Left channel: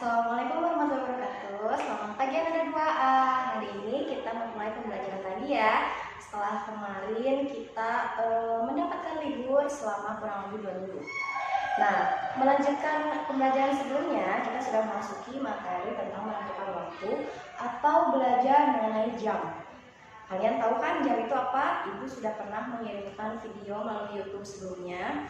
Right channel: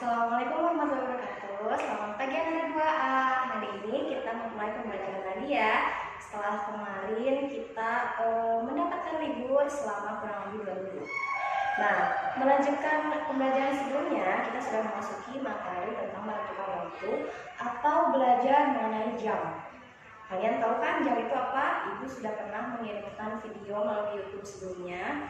Assalamualaikum warahmatullahi wabarakatuh. Selamat pagi anak-anak 2A. Hari ini kita memulai pembelajaran tadi ya. Setelah kemarin kita mendapatkan libur selama kurang lebih 2 minggu. Nah, melanjutkan pembelajaran sebelumnya, kita sudah memasuki materi tentang menentukan waktu atau belajar mengenai jam. Kalian tahu kan jam itu apa? Ibu sudah pernah mengirimkan video melalui YouTube sebelumnya.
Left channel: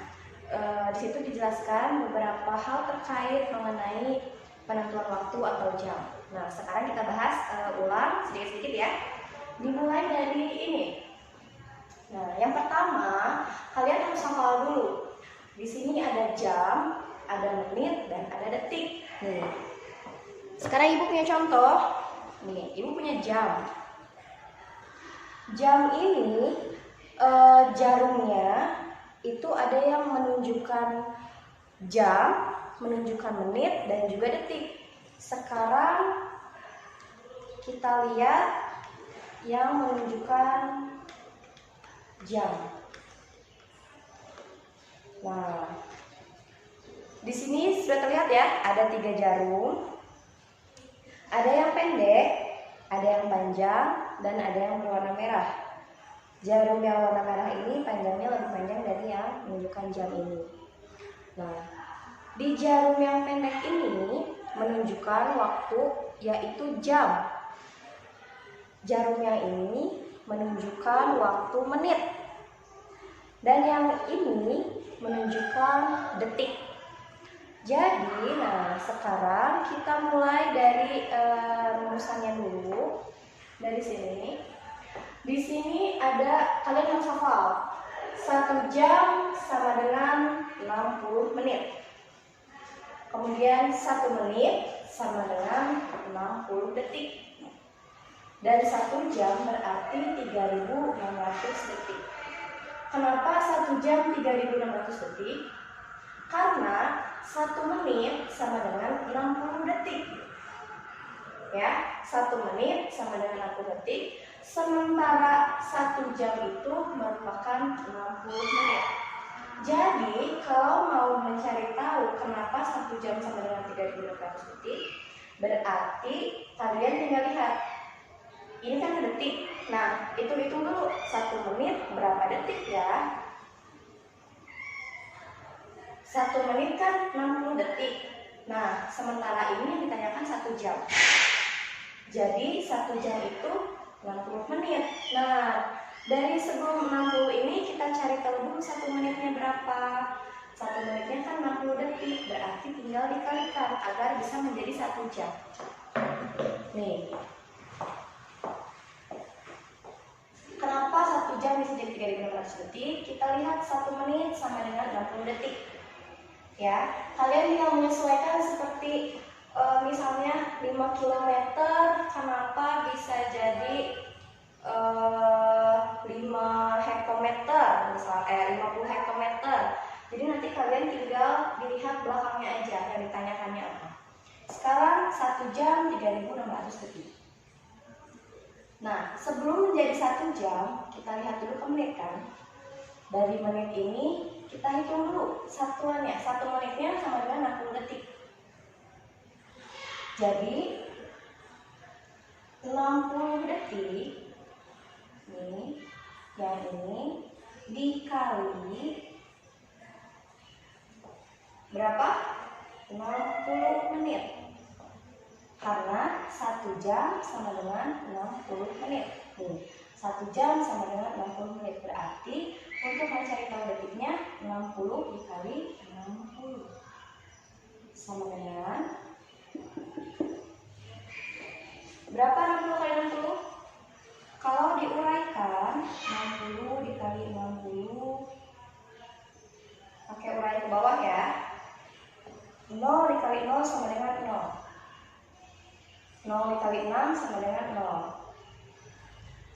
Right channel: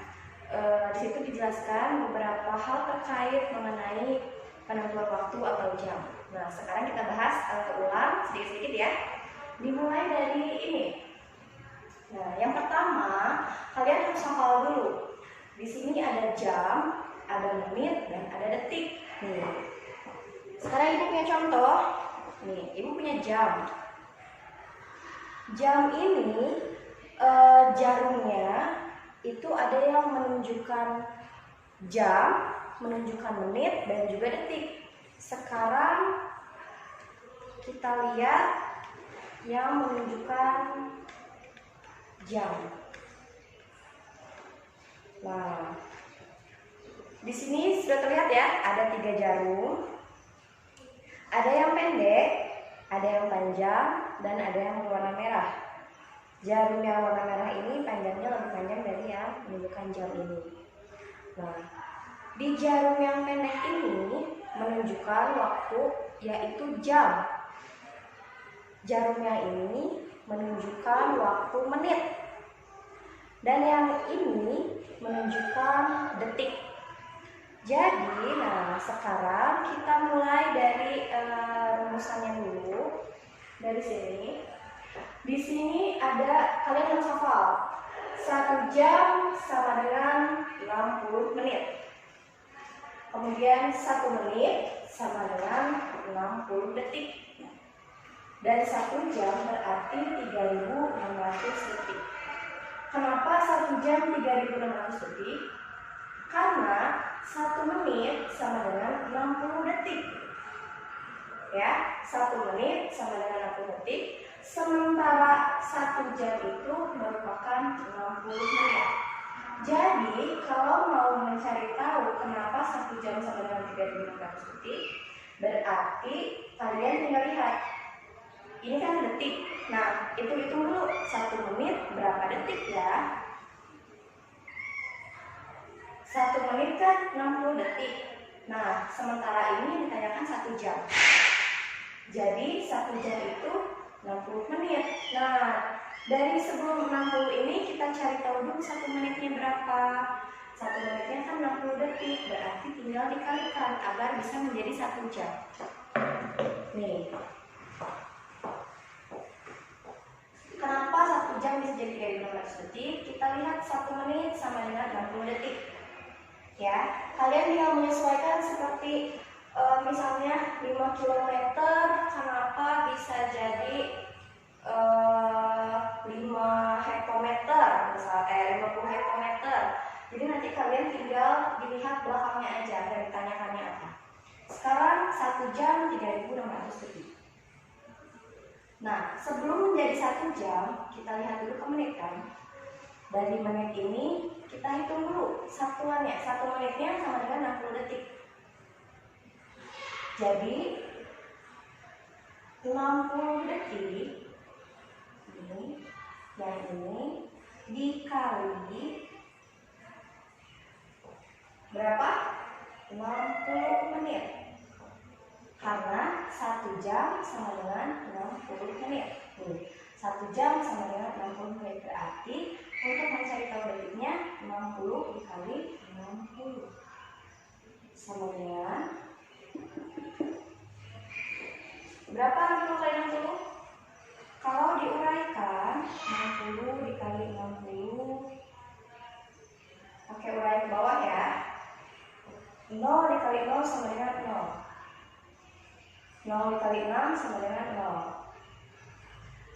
Di situ dijelaskan beberapa hal terkait mengenai penentuan waktu atau jam. Nah, sekarang kita bahas ulang sedikit-sedikit ya. Dimulai dari ini. Nah, yang pertama, kalian harus hafal dulu. Di sini ada jam, ada menit, dan ada detik. Sekarang ibu punya contoh. Nih, ibu punya jam. Jam ini jarumnya itu ada yang menunjukkan jam, menunjukkan menit, dan juga detik. Sekarang kita lihat yang menunjukkan jam. Nah, di sini sudah terlihat ya, ada 3 jarum. Ada yang pendek, ada yang panjang, dan ada yang berwarna merah. Jarum yang warna merah ini panjangnya lebih panjang dari yang menunjukkan jam ini. Nah, di jarum yang pendek ini menunjukkan waktu, yaitu jam. Jarum yang ini menunjukkan waktu menit. Dan yang ini menunjukkan detik. Jadi, nah sekarang kita mulai dari rumusannya dulu. Dari sini. Di sini ada, kalian harus hafal, 1 jam sama dengan 60 menit. Kemudian 1 menit sama dengan 60 detik. Dan 1 jam berarti 3.600 detik. Kenapa 1 jam 3.600 detik? Karena 1 menit sama dengan 60 detik. Ya, 1 menit sama dengan 60 detik. Sementara 1 jam itu merupakan 60 menit. Jadi kalau mau mencari tahu kenapa 1 jam sama dengan 3.600 detik, berarti kalian tinggal lihat. Ini kan detik. Nah, hitung-hitung dulu 1 menit berapa detik ya. 1 menit kan 60 detik. Nah, sementara ini yang ditanyakan 1 jam. Jadi 1 jam itu 60 menit. Nah, dari sebelum 60 ini kita cari tahu dulu 1 menitnya berapa. 1 menitnya kan 60 detik, berarti tinggal dikalikan agar bisa menjadi 1 jam. Nih. Kenapa 1 jam bisa jadi 3.600 detik? Kita lihat 1 menit sama dengan 60 detik. Ya, kalian tinggal menyesuaikan seperti misalnya 5 km, kenapa bisa jadi 5 hektometer, misalnya 50 hektometer. Jadi nanti kalian tinggal dilihat belakangnya aja dan ditanyakannya apa. Sekarang 1 jam 3.600 detik. Nah, sebelum menjadi 1 jam, kita lihat dulu ke menit kan. Dari menit ini kita hitung dulu satuannya. 1 menitnya sama dengan 60 detik. Jadi 60 detik ini, yang ini dikali berapa? 60 menit. Karena 1 jam sama dengan 60 menit. 1 jam sama dengan 60 menit. Berarti untuk mencari tahu detiknya 60 dikali 60 sama dengan berapa 60 kali 60? Kalau diuraikan 60 dikali 60, pakai uraian ke bawah ya. 0 dikali 0 sama dengan 0. 0 dikali 6 sama dengan 0.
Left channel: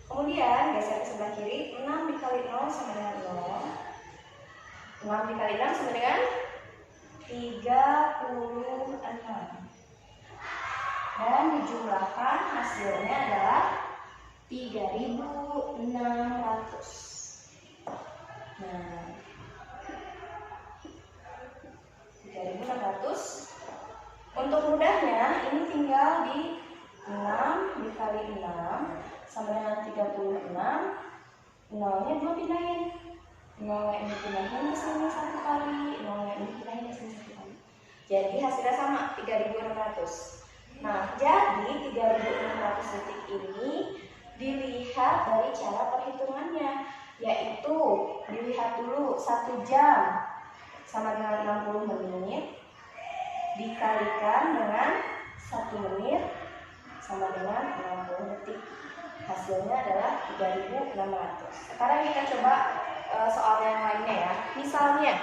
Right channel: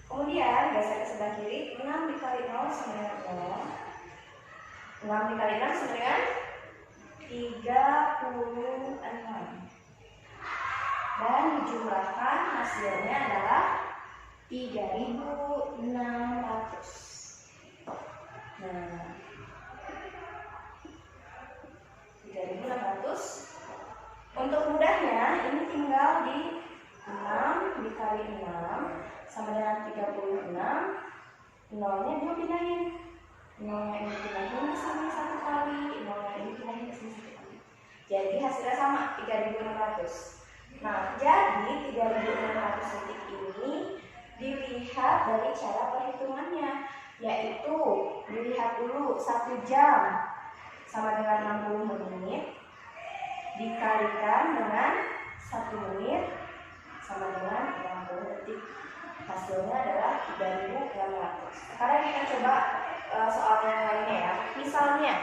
Kemudian geser ke sebelah kiri, 6 dikali 0 sama dengan 0. 6 dikali 6 sama dengan 36. Dan dijumlahkan hasilnya adalah 3.600. Nah, 3.600. Oh Untuk mudahnya, ini tinggal di 6 dikali 6 sama dengan 36. Nolnya dulu pindahin. Nolnya ini pindahin ke sini 1 kali, nolnya ini pindahin ke sini 1 kali. Jadi hasilnya sama, 3600. Nah, jadi 3600 detik ini dilihat dari cara perhitungannya, yaitu dilihat dulu 1 jam sama dengan 60 menit dikalikan dengan 1 menit sama dengan 60 detik. Hasilnya adalah 3600. Sekarang kita coba soal yang lainnya ya. Misalnya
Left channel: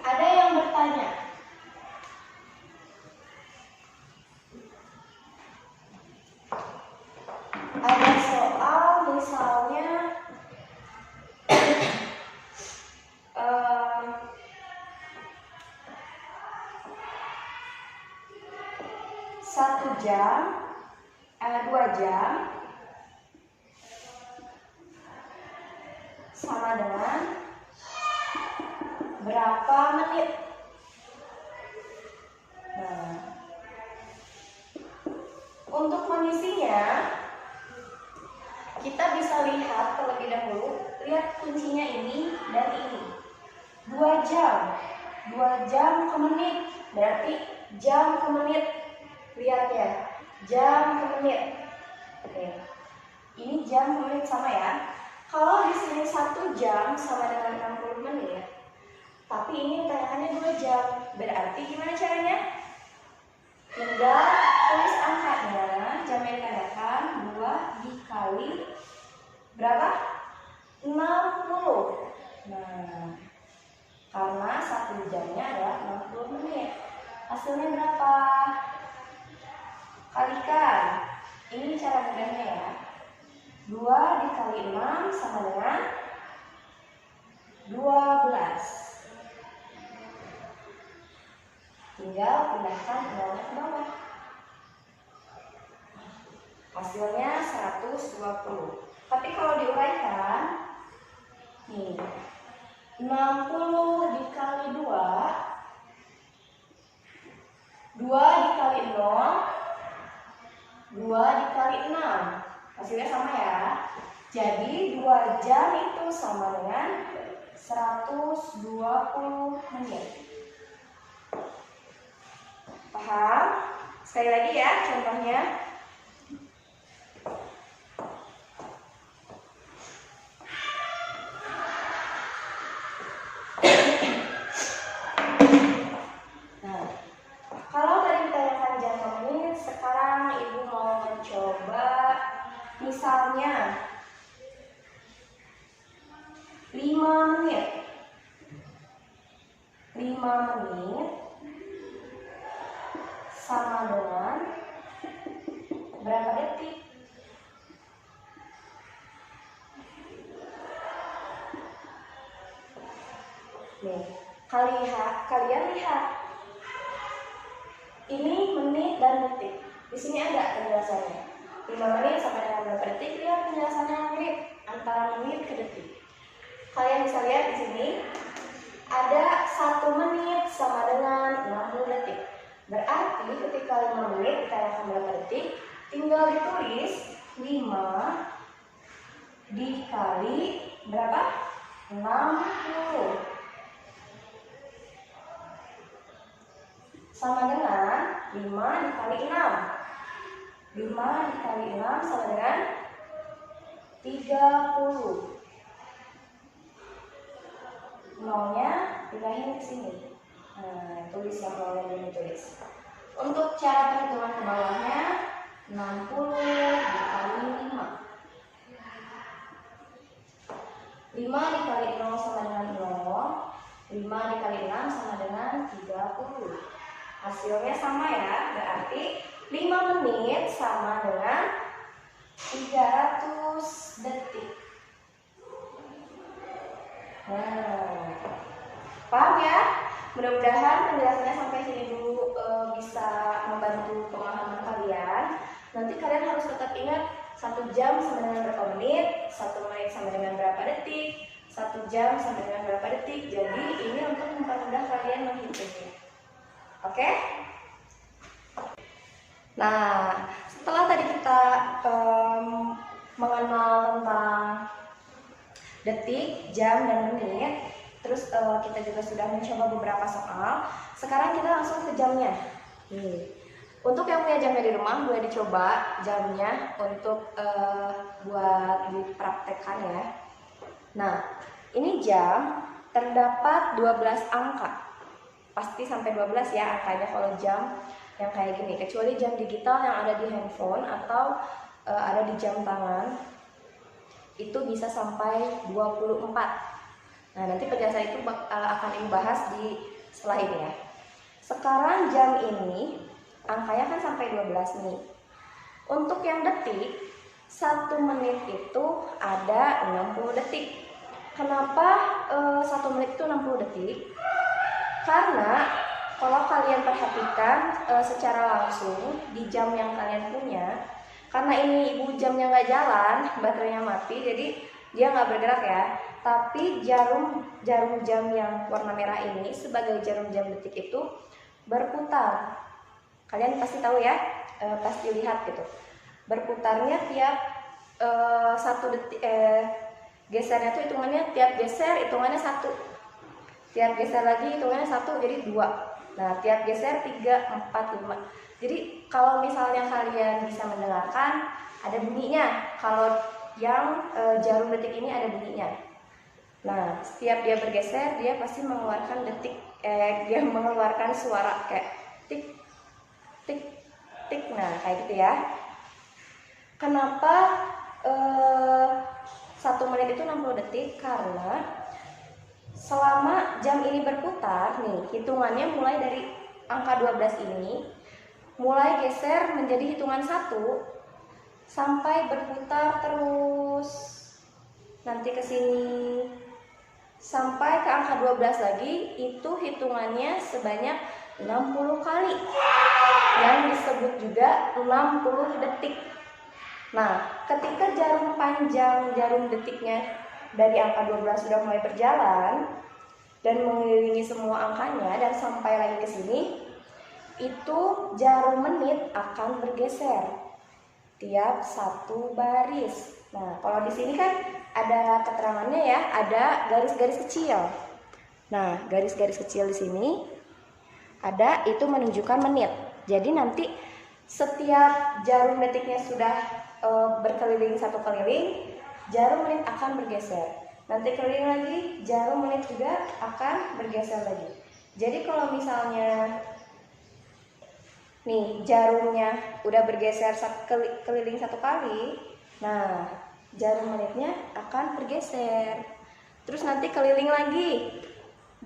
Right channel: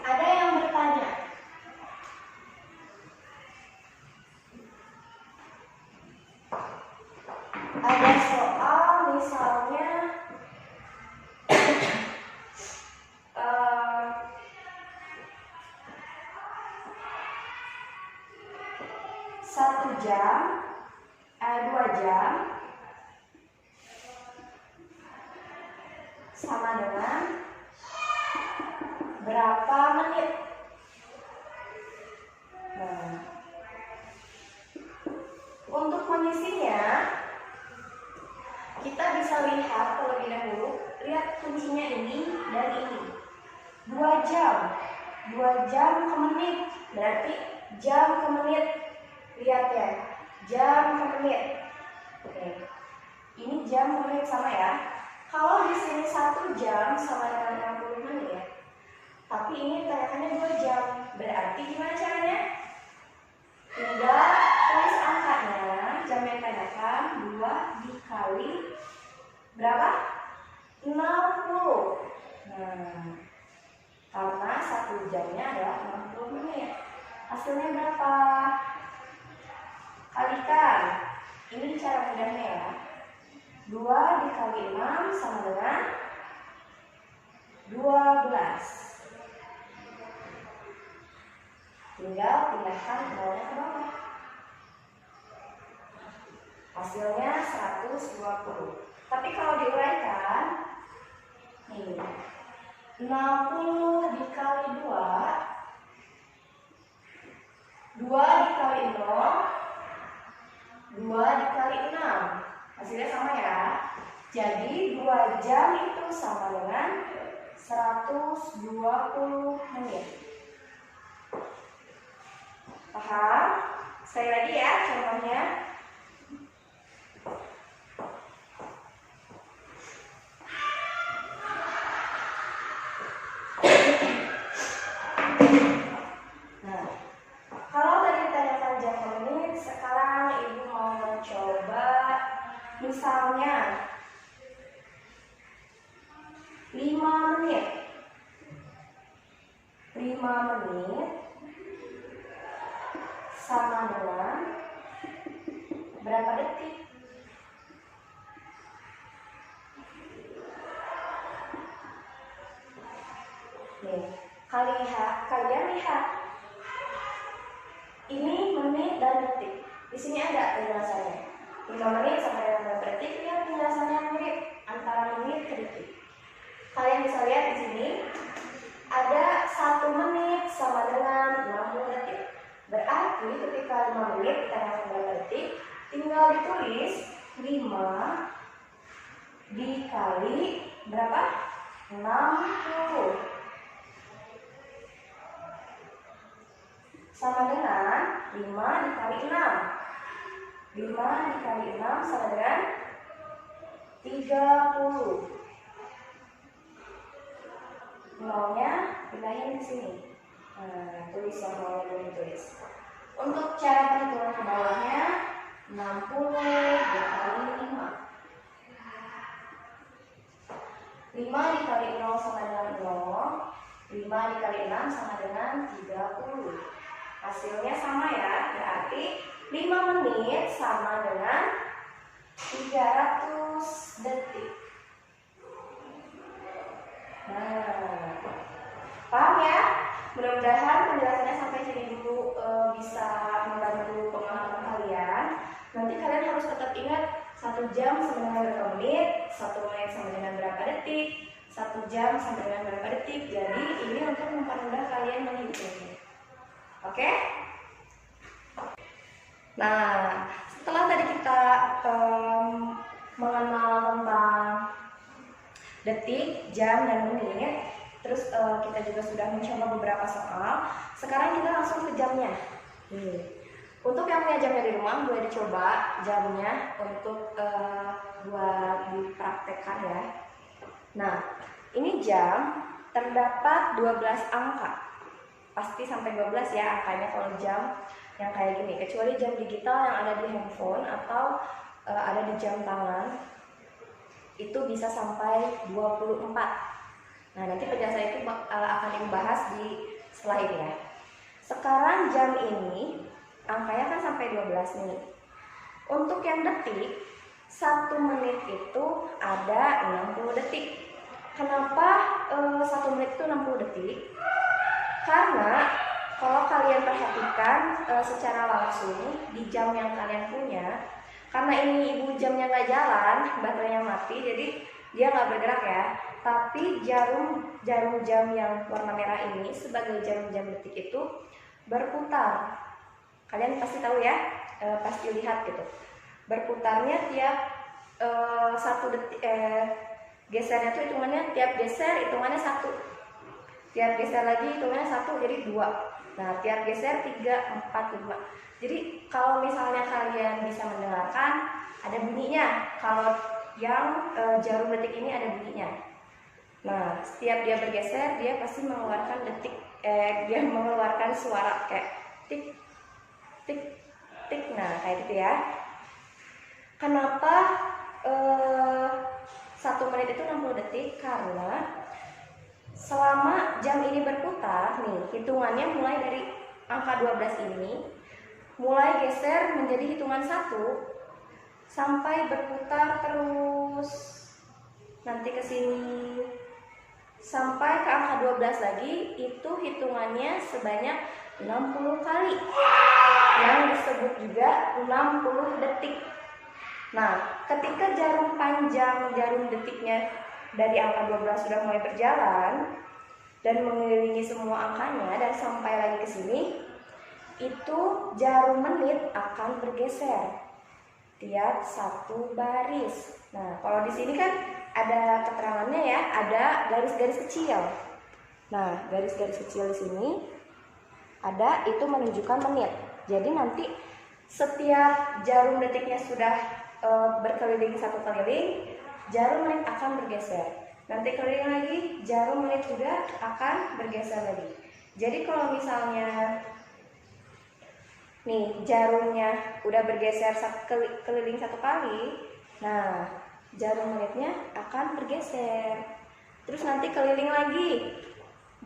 ada yang bertanya, ada soal misalnya 2 jam sama dengan berapa menit? Nah, untuk mengisinya kita bisa lihat terlebih dahulu, lihat kuncinya ini dan ini. 2 jam. 2 jam ke menit, berarti jam ke menit. Lihat ya, jam ke menit. Oke. Ini jam ke menit sama ya. Kalau di sini 1 jam sama dengan 60 menit, tapi ini tanyakannya 2 jam. Berarti gimana caranya? Tinggal tulis angkanya, jamnya ditandakan 2 dikali berapa? 60. Nah, karena 1 jamnya adalah 60 menit. Hasilnya berapa? Kalikan. Ini cara mudahnya ya. 2 dikali 6 sama dengan 12. Tinggal pindahkan nolnya ke bawah. Hasilnya 120. Tapi kalau diuraikan, nih, 60 dikali 2, 2 dikali 0, 2 dikali 6. Hasilnya sama ya. Jadi 2 jam itu sama dengan 120 menit. Paham? Sekali lagi ya contohnya. Nah, kalau tadi ditanyakan jam per menit, sekarang ibu mau mencoba misalnya 5 menit. 5 menit sama dengan berapa detik? Nih, kalian lihat. Ini menit dan detik. Di sini ada penjelasannya. 5 menit sama dengan berapa detik? Lihat penjelasannya menit, antara menit ke detik. Kalian bisa lihat di sini ada 1 menit sama dengan 60 detik. Berarti ketika 5 menit ditanyakan berapa detik, tinggal ditulis 5 dikali berapa? 60 sama dengan 5 dikali 6. 5 dikali 6 sama dengan 30. Nolnya pindahin ke sini. Nah, tulis yang nolnya dulu tulis. Untuk cara perhitungan ke bawahnya 60 dikali 5. 5 dikali 0 sama dengan 0. 5 dikali 6 sama dengan 30. Hasilnya sama ya, berarti 5 menit sama dengan 300 detik. Nah, paham ya? Mudah-mudahan penjelasannya sampai sini dulu bisa membantu pemahaman kalian. Nanti kalian harus tetap ingat 1 jam sama dengan berapa menit, 1 menit sama dengan berapa detik, 1 jam sama dengan berapa detik. Jadi ini untuk mempermudah kalian menghitungnya. Oke? Nah, setelah tadi kita mengenal tentang detik, jam, dan menit, terus kita juga sudah mencoba beberapa soal. Sekarang kita langsung ke jamnya. Untuk yang punya jamnya di rumah, boleh dicoba jamnya untuk buat dipraktekkan ya. Nah, ini jam terdapat 12 angka. Pasti sampai 12 ya angkanya kalau jam yang kayak gini, kecuali jam digital yang ada di handphone atau ada di jam tangan, itu bisa sampai 24. Nah, nanti penjelasan itu akan dibahas di setelah ini ya. Sekarang jam ini angkanya kan sampai 12 nih. Untuk yang detik, 1 menit itu ada 60 detik. Kenapa 1 menit itu 60 detik? Karena kalau kalian perhatikan secara langsung di jam yang kalian punya, karena ini ibu jamnya nggak jalan, baterainya mati, jadi dia nggak bergerak ya. Tapi jarum jam yang warna merah ini sebagai jarum jam detik itu berputar. Kalian pasti tahu ya, pasti lihat gitu. Berputarnya tiap 1 detik, gesernya tuh hitungannya tiap geser hitungannya 1. Tiap geser lagi hitungannya 1, jadi 2. Nah, tiap geser 3, 4, 5. Jadi kalau misalnya kalian bisa mendengarkan, ada bunyinya. Kalau yang jarum detik ini ada bunyinya. Nah, setiap dia bergeser, dia pasti mengeluarkan dia mengeluarkan suara kayak tik, tik, tik. Nah, kayak gitu ya. Kenapa 1 menit itu 60 detik? Karena selama jam ini berputar, nih hitungannya mulai dari angka 12 ini, mulai geser menjadi hitungan 1 sampai berputar terus nanti ke sini sampai ke angka 12 lagi, itu hitungannya sebanyak 60 kali, yang disebut juga 60 detik. Nah, ketika jarum panjang jarum detiknya dari angka 12 sudah mulai berjalan dan mengelilingi semua angkanya dan sampai lagi ke sini, itu jarum menit akan bergeser tiap 1 baris. Nah, kalau di sini kan ada keterangannya ya, ada garis-garis kecil. Nah, garis-garis kecil di sini ada, itu menunjukkan menit. Jadi nanti setiap jarum detiknya sudah berkeliling 1 keliling, jarum menit akan bergeser. Nanti keliling lagi, jarum menit juga akan bergeser lagi. Jadi kalau misalnya nih jarumnya udah bergeser keliling 1 kali, nah jarum menitnya akan bergeser. Terus nanti keliling lagi,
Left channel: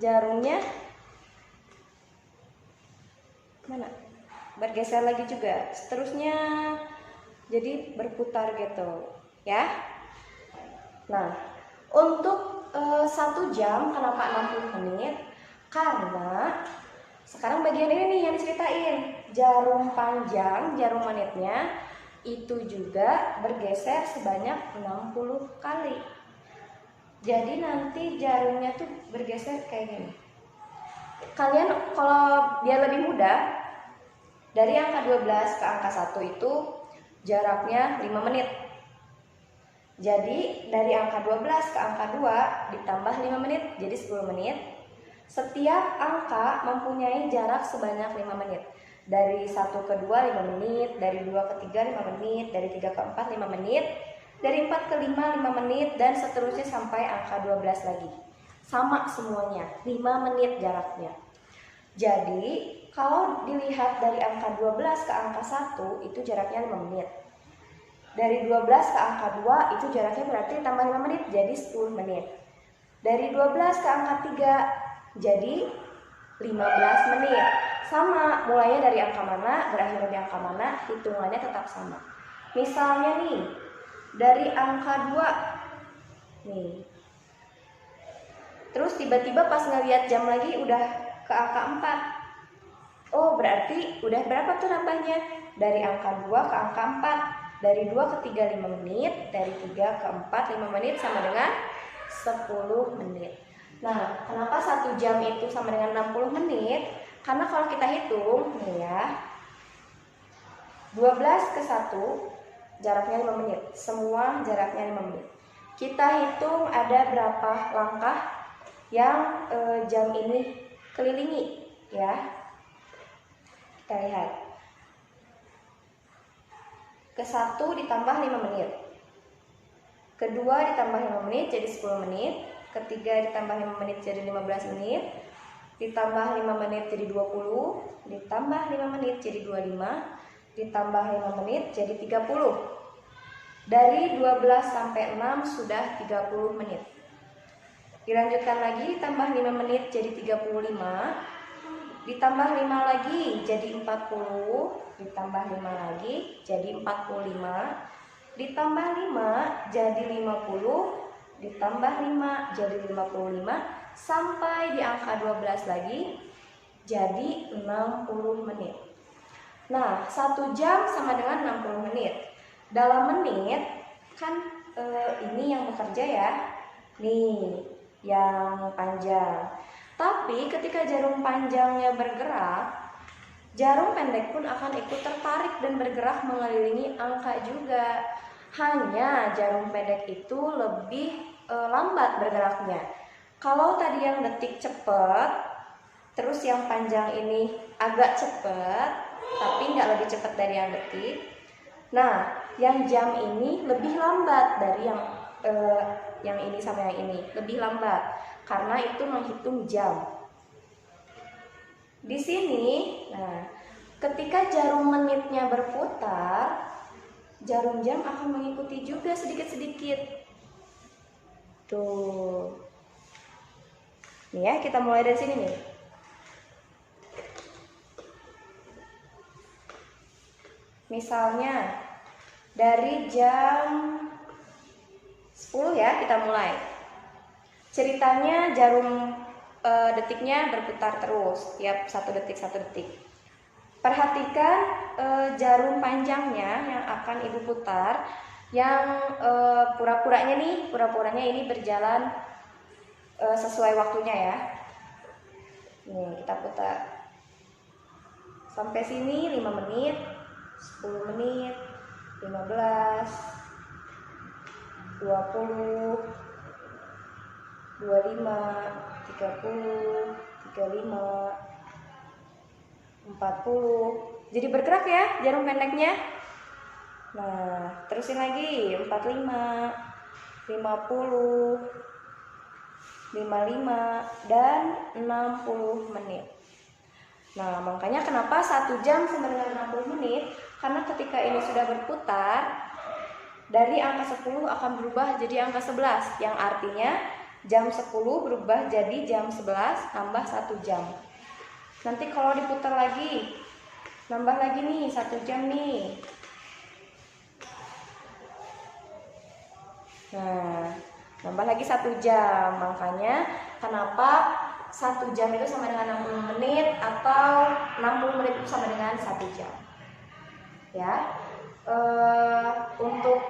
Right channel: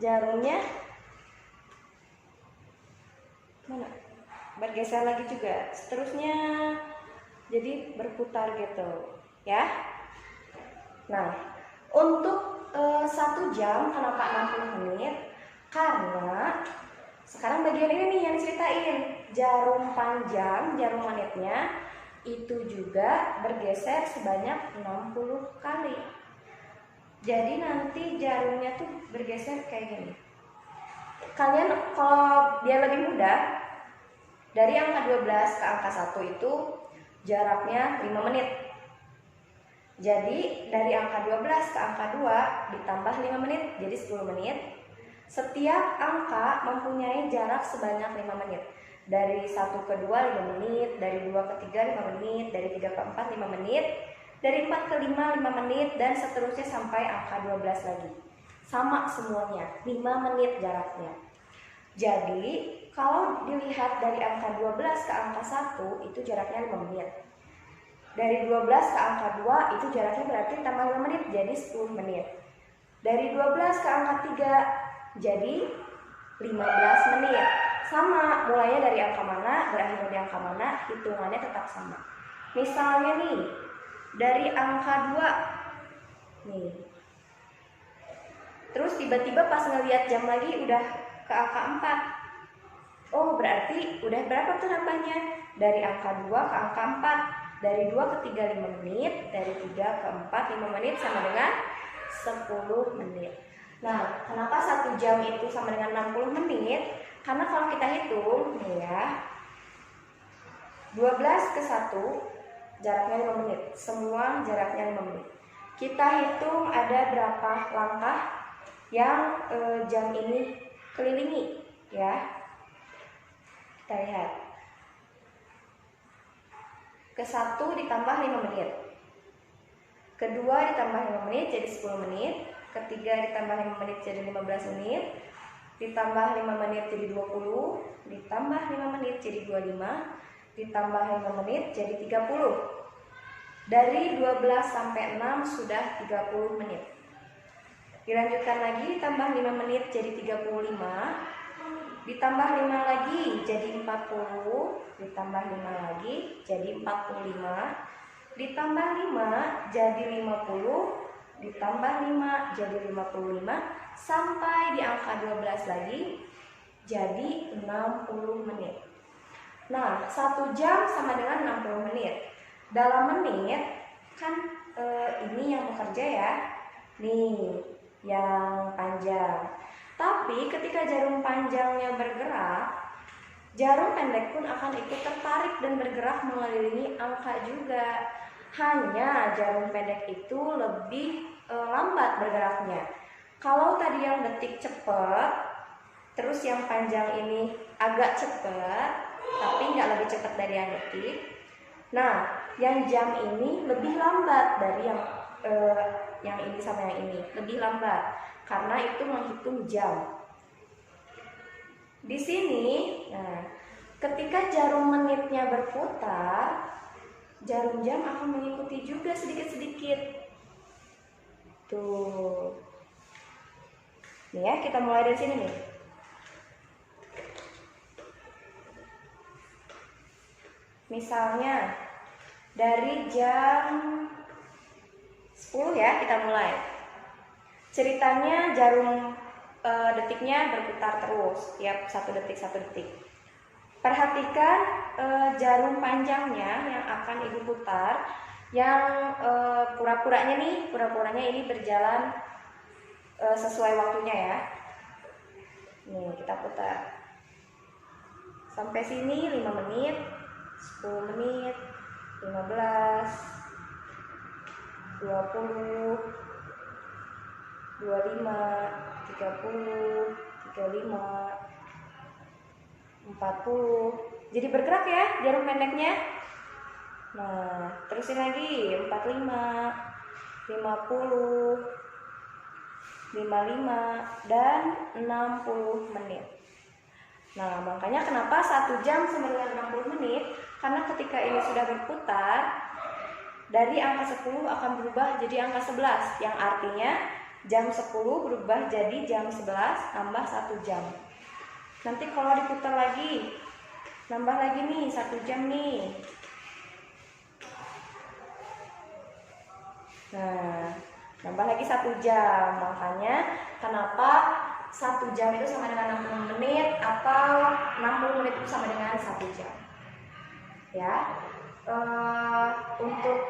jarumnya mana? Bergeser lagi juga. Seterusnya jadi berputar gitu ya. Nah, untuk 1 jam kenapa 60 menit? Karena sekarang bagian ini nih yang diceritain, jarum panjang, jarum menitnya itu juga bergeser sebanyak 60 kali. Jadi nanti jarumnya tuh bergeser kayak gini. Kalian kalau biar lebih mudah, dari angka 12 ke angka 1 itu jaraknya 5 menit. Jadi dari angka 12 ke angka 2 ditambah 5 menit, jadi 10 menit. Setiap angka mempunyai jarak sebanyak 5 menit. Dari 1 ke 2 5 menit, dari 2 ke 3 5 menit, dari 3 ke 4 5 menit, dari 4 ke 5 5 menit, dan seterusnya sampai angka 12 lagi. Sama semuanya, 5 menit jaraknya. Jadi kalau dilihat dari angka 12 ke angka 1 itu jaraknya 5 menit. Dari 12 ke angka 2 itu jaraknya berarti tambah 5 menit jadi 10 menit. Dari 12 ke angka 3 jadi 15 menit. Sama, mulainya dari angka mana, berakhirnya di angka mana, hitungannya tetap sama. Misalnya nih, dari angka 2 nih. Terus tiba-tiba pas ngeliat jam lagi udah ke angka 4. Oh, berarti udah berapa tuh nambahnya? Dari angka 2 ke angka 4. Dari 2 ke 3 5 menit, dari 3 ke 4 5 menit sama dengan 10 menit. Nah, kenapa 1 jam itu sama dengan 60 menit? Karena kalau kita hitung nih ya, 12 ke 1 jaraknya 5 menit. Semua jaraknya 5 menit. Kita hitung ada berapa langkah yang jam ini kelilingi ya. Kita lihat. Ke 1 ditambah 5 menit. Kedua ditambah 5 menit jadi 10 menit. Ketiga ditambah 5 menit jadi 15 menit. Ditambah 5 menit jadi 20. Ditambah 5 menit jadi 25. Ditambah 5 menit jadi 30. Dari 12 sampai 6 sudah 30 menit. Dilanjutkan lagi, ditambah 5 menit jadi 35. Ditambah 5 lagi jadi 40. Ditambah 5 lagi jadi 45. Ditambah 5 jadi 50. Ditambah 5 jadi 55. Sampai di angka 12 lagi jadi 60 menit. Nah, 1 jam sama dengan 60 menit. Dalam menit kan ini yang bekerja ya. Nih, yang panjang. Tapi ketika jarum panjangnya bergerak, jarum pendek pun akan ikut tertarik dan bergerak mengelilingi angka juga. Hanya jarum pendek itu lebih lambat bergeraknya. Kalau tadi yang detik cepat, terus yang panjang ini agak cepat, tapi nggak lebih cepat dari yang detik. Nah, yang jam ini lebih lambat dari yang ini sama yang ini, lebih lambat karena itu menghitung jam. Di sini, nah, ketika jarum menitnya berputar, jarum jam akan mengikuti juga sedikit-sedikit. Tuh. Nih ya, kita mulai dari sini nih. Misalnya dari jam 10 ya kita mulai. Ceritanya jarum detiknya berputar terus tiap 1 detik 1 detik. Perhatikan jarum panjangnya yang akan ibu putar, yang pura-puranya ini berjalan sesuai waktunya ya. Nih kita putar sampai sini 5 menit, 10 menit, 15, 20, 25, 30, 35, 40. Jadi bergerak ya jarum pendeknya. Nah, terusin lagi 45, 50, 55 dan 60 menit. Nah, makanya kenapa 1 jam sama dengan 60 menit? Karena ketika ini sudah berputar, dari angka 10 akan berubah jadi angka 11, yang artinya jam 10 berubah jadi jam 11 tambah 1 jam. Nanti kalau diputar lagi, nambah lagi nih 1 jam nih. Nah, nambah lagi 1 jam. Makanya kenapa 1 jam itu sama dengan 60 menit atau 60 menit itu sama dengan 1 jam. Ya, untuk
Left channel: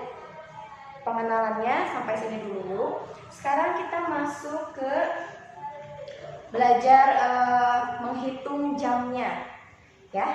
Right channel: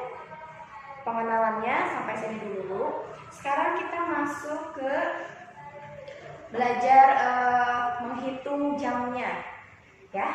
pengenalannya sampai sini dulu. Sekarang kita masuk ke belajar menghitung jamnya, ya.